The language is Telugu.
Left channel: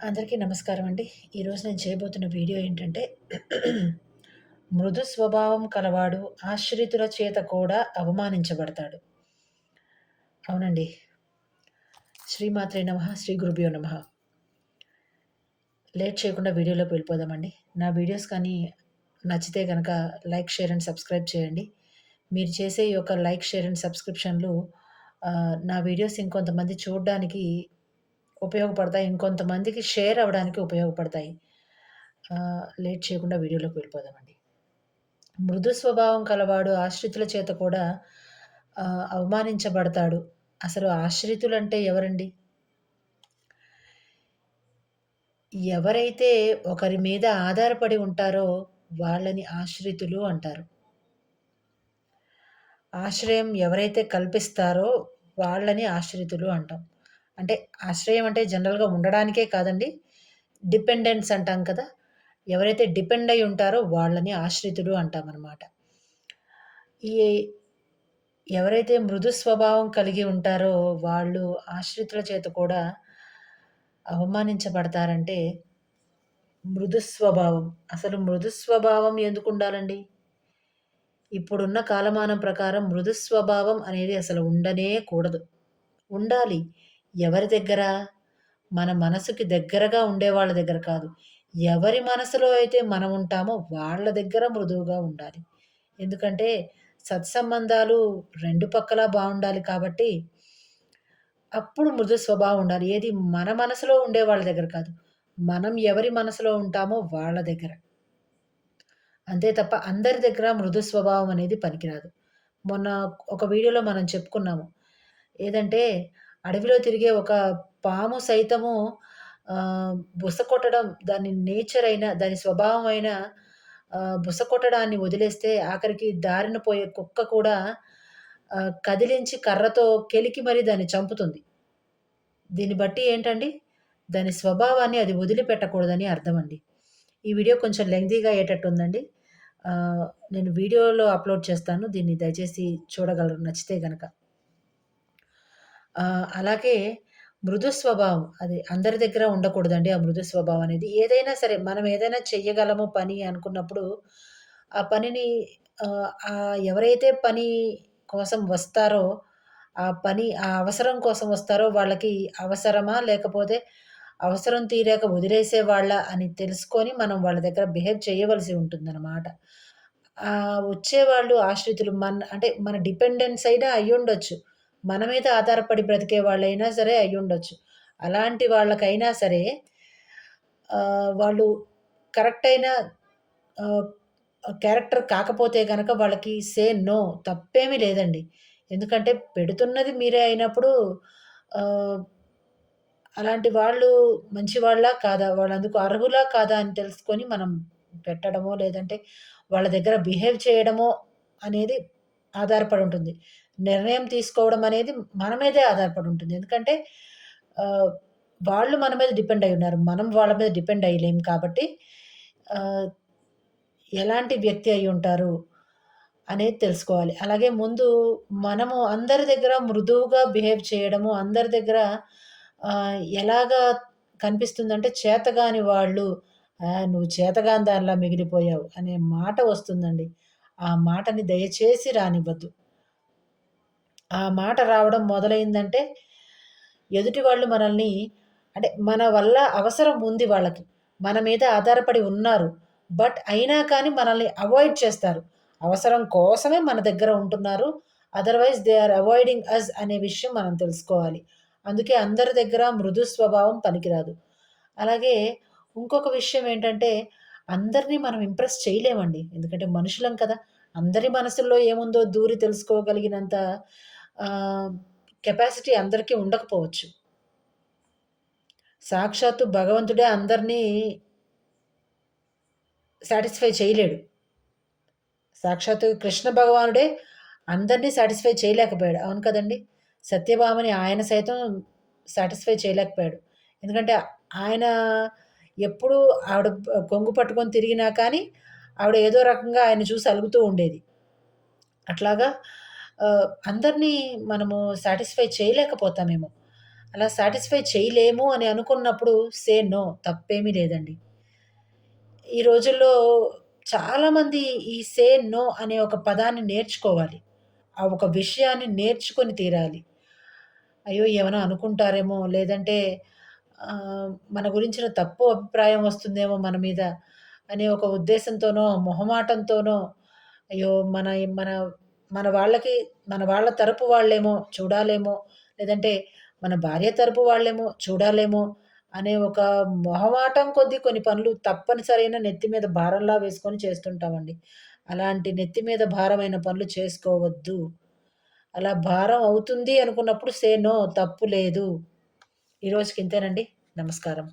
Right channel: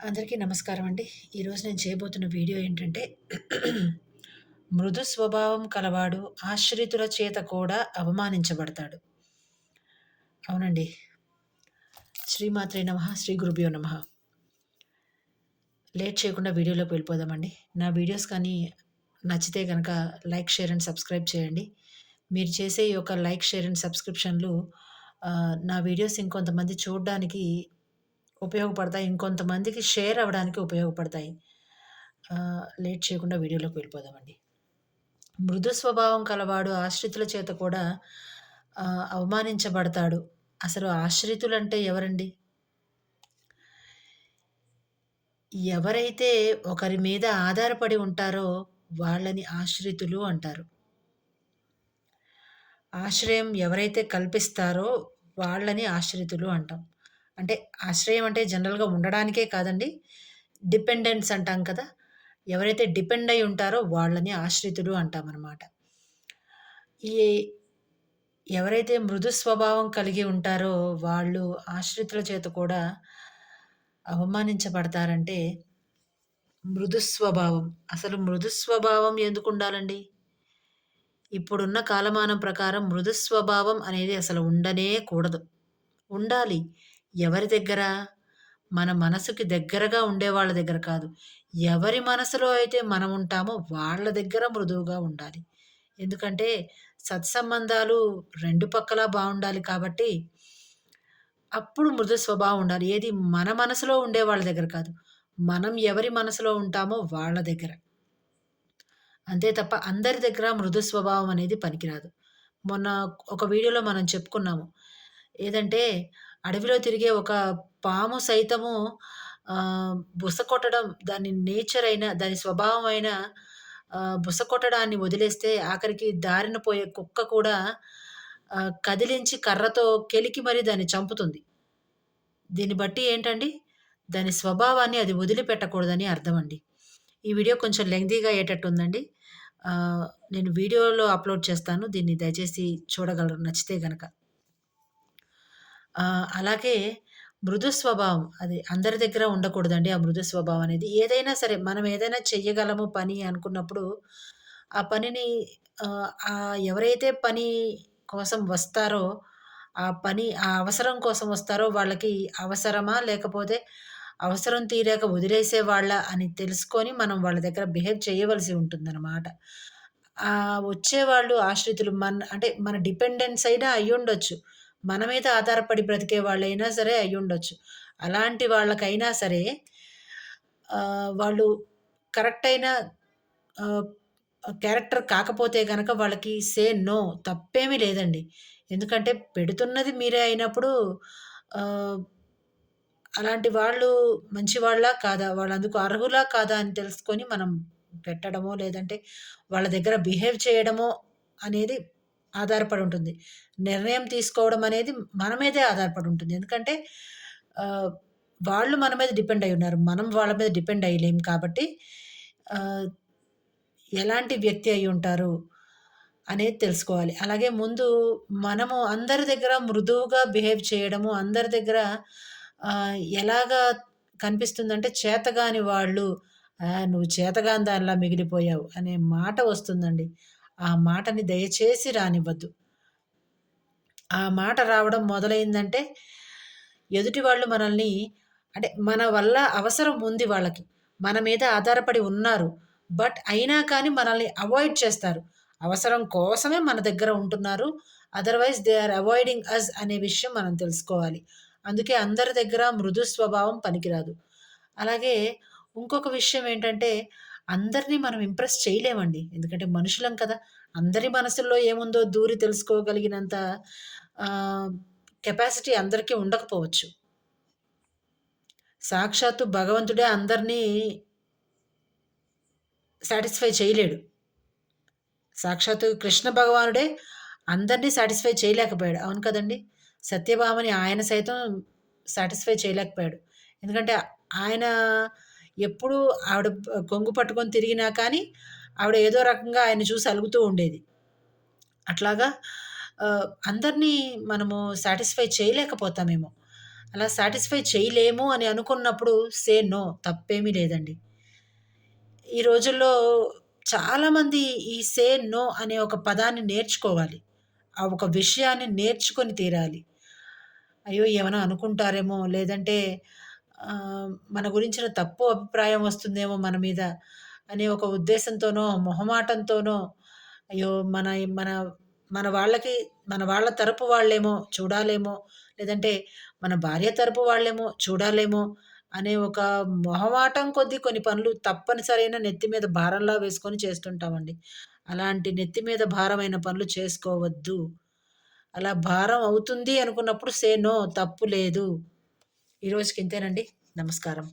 అందరికీ నమస్కారం అండి. ఈరోజు నేను చేయబోతున్న వీడియో ఏంటంటే, మృదు స్వభావం కలవాడు ఆశ్రితుల చేత కూడా అవమానించబడతాడు. అవునండి. శ్రీమాత్రే నమః! శ్రీ గురుభ్యో నమః! లేట్ చేయకుండా వీడియోలోకి వెళ్ళిపోదామండి. నా వీడియోస్ కానీ నచ్చితే గనక లైక్, షేర్ అండ్ సబ్స్క్రైబ్ చేయండి. మీరు చేసే ఈ యొక్క లైక్, షేర్ అండ్ సబ్స్క్రిప్షన్‌లు నా వీడియోస్ ఇంకొంతమంది చూడ్డానికి ఉపయోగపడతాయి. ఇంకొంతమందికి షేర్ అవ్వడానికి ఉపయోగపడతాయి. లేట్ చేయకుండా వీడియోలోకి వెళ్ళిపోదామండి. మృదు స్వభావం కలవాడు ఆశ్రితుల చేత కూడా అవమానించబడతాడు. అసలు ఆశ్రితులంటే ఎవరండి? ఎవరైతే ఒకరి మీద ఆధారపడి ఉంటారో వాళ్ళని ఆశ్రితులు అంటారు. ఆశ్రయం ఎవరైతే కల్పిస్తారో వాళ్ళని ఆశ్రితులు అంటాం. అంటే ఆశ్రయం అంటే జనరల్‌గా ఉండడానికే కాదండి. డిపెండెన్స్ అంటాం కదా! ఎవరైతే డిపెండ్ అయ్యి ఉంటారో వాళ్ళని ఆశ్రితులు అంటామనమాట. ఈ ఎవరైతే మృదు స్వభావం కలిగి ఉంటారో వాళ్ళు ఆశ్రితుల చేత కూడా అవమానించబడతారంటే, మృదు స్వభావం. అసలు మృదు స్వభావం ఎందుకుండాలండి? ఇప్పుడున్న కాలమానం ప్రకారం మృదు స్వభావం అనేది అసలు ఉండనే కూడదు. ఉండాలి. ఎవరి దగ్గర? మన మనసుకి దగ్గరగా ఉండేవాళ్ళ దగ్గర కాదు. ఎవరి మనసులో అయితే మనం ఉంటామో వాళ్ళ దగ్గర మృదువుగా ఉండాలి. ఎందుకంటే సత్సంబంధాలు 2 పక్కలా బావుండాలి కాబట్టి, అప్పుడు మృదు స్వభావం ఉండాలి. ఏది మన మనసులో ఉండే వాళ్ళ దగ్గర కాదు. మనం ఎవరి మనసులో ఉంటామో వాళ్ళ దగ్గర. అంతే తప్ప అందరి దగ్గర మృదు స్వభావం అనేది పనికిరాదు. మొన్న ఒక వీడియోలో మనం చెప్పుకున్నాము. ఏదంటే అడవిలో తిరిగే ఒక పాము సైతము బుస కొట్టడం దాని నేచర్ అయిన, దాని స్వభావం అయిన బుస కొట్టడాన్ని వదిలేస్తే ఆఖరికి దారిన పోయే కుక్క కూడా కదిలించి కర్రతో కెలికి మరి దాన్ని చంపుతుంది. దీన్ని బట్టి ఏంటండి, దాని స్వభావాన్ని అది వదిలిపెట్టకూడదని అర్థమండి. ఈ వీడియో కొంచెం లెంగ్తీగా అయ్యేటట్టుందండి. నేను వీడియోలో అప్‌లోడ్ చేస్తాను. దీన్ని దయచేసి చూడగలరు నచ్చితే గనక. అలాగే మృదు స్వభావం అది అందరి దగ్గర ఉండకూడదండి. ఆ మృదు స్వభావం అనేది. ఏదైనా సరే మనం ఏదైనా చెయ్యగలము పని అనుకున్నప్పుడు, ఆ పనిని ఎవరైతే పని కోసం వస్తారో, ఆ అవసరం కోసం వస్తారో వాళ్ళకి అవసరమా? లేకపోతే అవసరం తీరాక వదిలేసేవాళ్ళా అని తెలుసుకొని మనం వాళ్ళ దగ్గర బిహేవ్ చేయవలసి ఉంటుందనమాట. వచ్చేవాళ్ళు ఆశ్రితులు అంటే మన డిపెండెన్స్ అయినా అయ్యుండొచ్చు. మన మీద ఆధారపడి బ్రతికే వాళ్ళైనా సరే అయ్యుండొచ్చు. అలాంటి వాళ్ళకైనా సరే వాళ్ళు కరెక్ట్ అయిన ఆహ్, క్యారెక్టర్ కాకపోతే గనక వాళ్ళకి నో తప్పేమీ లేదండి. ఎందుకంటే పెడుతున్నది మీరే అయినప్పుడు ఆహ్, అలాంటి వాళ్ళు మంచివాళ్ళా? కాదా? వాళ్ళందుకు అర్హులా? కాదా? అని తెలుసుకొని మనం పెట్టడమో, లేదంటే వాళ్ళ దగ్గర బిహేవ్ చేయడమో అనేది ఆధారపడి ఉంటుంది. నిర్ణయం తీసుకోవడం అనేది మన మీదే ఆధారపడి ఉంటుంది. ఎందుకంటే ఆహ్, వాళ్ళు మన మీద డిపెండ్ అయ్యి ఉన్నారు. మనం వాళ్ళ మీద డిపెండ్ అయ్యలేం కాబట్టి ఆహ్, ఎలాంటి వ్యక్తి అయ్యుంటారు అనేది తెలుసుకోవాలి. అలాగే ముందు మనము అందరి దగ్గర మృదువుగా బిహేవ్ చేయడము, అందరి దగ్గర ఎలాగా కనిపిస్తుందంటే చేతగాని వాళ్ళు, "నువ్వు చేతగాని దానిలా మిగిలిపోయావు" అనే మాట వస్తుందండి. ఆ మాటని దయచేసి రానివ్వద్దు. ఆ మాట రావడం మొదలైందంటే, ఎదుటి వాళ్ళు మనల్ని అంటే మన వల్ల అవసరం ఉంది వాళ్ళకి. మన మీద ఆధారపడి ఉన్నారు. బట్ అయినా కానీ మనల్ని అవాయిడ్ చేస్తారు. అవసరం కోసమే మన దగ్గర ఉంటున్నారు. అదర్‌వైస్ దే ఆర్ అవాయిడింగ్ అస్ అనే విషయం మనం తెలుసుకోవాలి. అందుకే అందరి దగ్గర మృదు స్వభావం పనికిరాదు. అలాగే ఇంకొక విషయం ఏంటంటే, అందరిని మనం ఇంప్రెస్ చేయలేమండి. ఎందుకంటే మనుషులం కదా! అందరి మనసుల్లో ఏముందో దూరి తెలుసుకోగలిగినంత ఆహ్, కెపాసిటీ అందరికీ ఉండకపోవచ్చు. సాక్షాత్తు భగవంతుడే అందరినీ సాటిస్ఫై చేయలేడు. సాక్షాత్తు కృష్ణ భగవానుడే అందరిని సాటిస్ఫై చేయలేకపోయాడు. అవును కదండీ! సత్యభామని ఆయన సైతం సాటిస్ఫై చేయలేకపోయాడు. ఎందుకంటే ఆయన ఎప్పుడూ ఆవిడ కొంగు పట్టుకొని తిరిగినా కానీ, ఆవిడ ఏదో రకంగా ఆయన్ని చూసి అలుగుతూ ఉండేది. అట్లాగా అందరిని మనము సాటిస్ఫై చేయలేకపోతామేమో. అలా సాటిస్ఫై చేయలేము అని అనుకున్నప్పుడు సే నో తప్పేమీ లేదండి. ఈ రోజుల్లో చాలామంది ఈ సే నో అనే ఒక పదాన్ని నేర్చుకోవాలి. ఆ ఒక విషయాన్ని నేర్చుకొని తీరాలి. అయ్యో! ఏమైనా అనుకుంటారేమో, లేదంటే మన గురించిన తప్పు అభిప్రాయం వస్తుందేమో మన మీద అనే ఒక ఉద్దేశంతోనో, మొహమాటంతోనో, అయ్యో! మన మన వాళ్ళకి మన వాళ్ళ తరపు వాళ్ళేమో చూడాలేమో, లేదంటే మన భార్య తరపు వాళ్ళేమో చూడాలేమో అనే ఒక మొహమాటం కొద్దీ కొన్ని పనులు తప్పనిసరైన నెత్తి మీద భారంలా వేసుకొని చేస్తుంటామండి. అలాంటి నెత్తి మీద భారమైన పనులు చేసుకోవద్దు. అలా భారం అవుతుంది అనుకున్నప్పుడు సే నో తప్పు లేదు. ఈ రోజుకి ఇంతేనండి. నమస్కారం.